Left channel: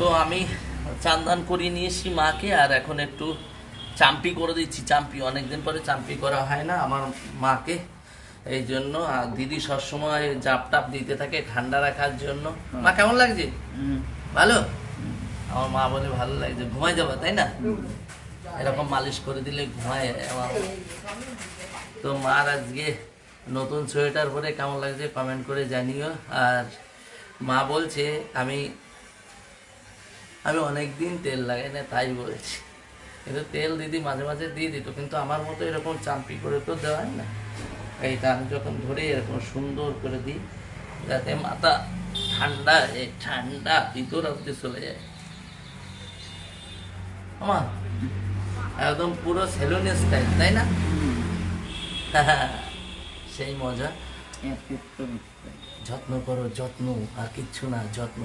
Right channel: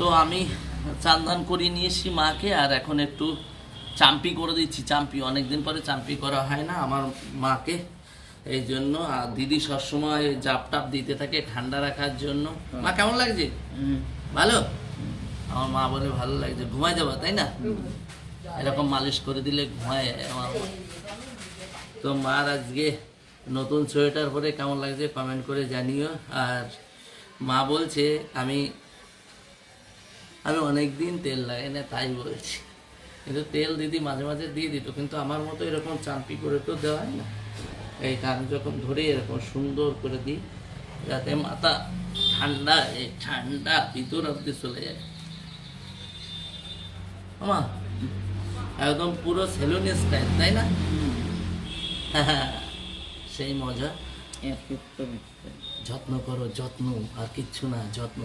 তো আমি চান্দান করিয়ে নিয়েছি মাকে, আর এখন একটু চাম্পি করে দিচ্ছি। চাম্পি অনেকদিন পরে চাম্পি করা হয় না আমার মাকে, এই জন্য। আর দিদি সবসময় জাপ টাপ দিতে থাকে ঠান্ডা রাখার জন্য। মা কেমন লাগছে? ভালো? আমার মা বলে ভালো লাগছে, ঘুমায় যাবা তাই না? এরকম মালিশ করে দিলে ঘুমায় আমার। তো মার আজকে নতুন সোয়েটার পরে কেমন লাগছে কমেন্ট করে জানিও। আর মা বলছে আমি অনেক দিন তেল লাগাই না, তাই বলছি। কিন্তু তেল দিদি মাঝে মাঝে দিয়ে দিত, কিন্তু আমার মতো এরকম চাম্পি করে তো দেওয়া হয় না। এইটা আমি যখন ধরে এরকম সুন্দর করে দিই, যাতে মাথা ঠান্ডা ঠান্ডা ভিতর অব্দি চলে যায়। আমা একদম পুরো সেলুন স্টাইল, তাই না? সেই মজা। যত্ন করো, যত্ন, আর কিচ্ছু না, যত্ন।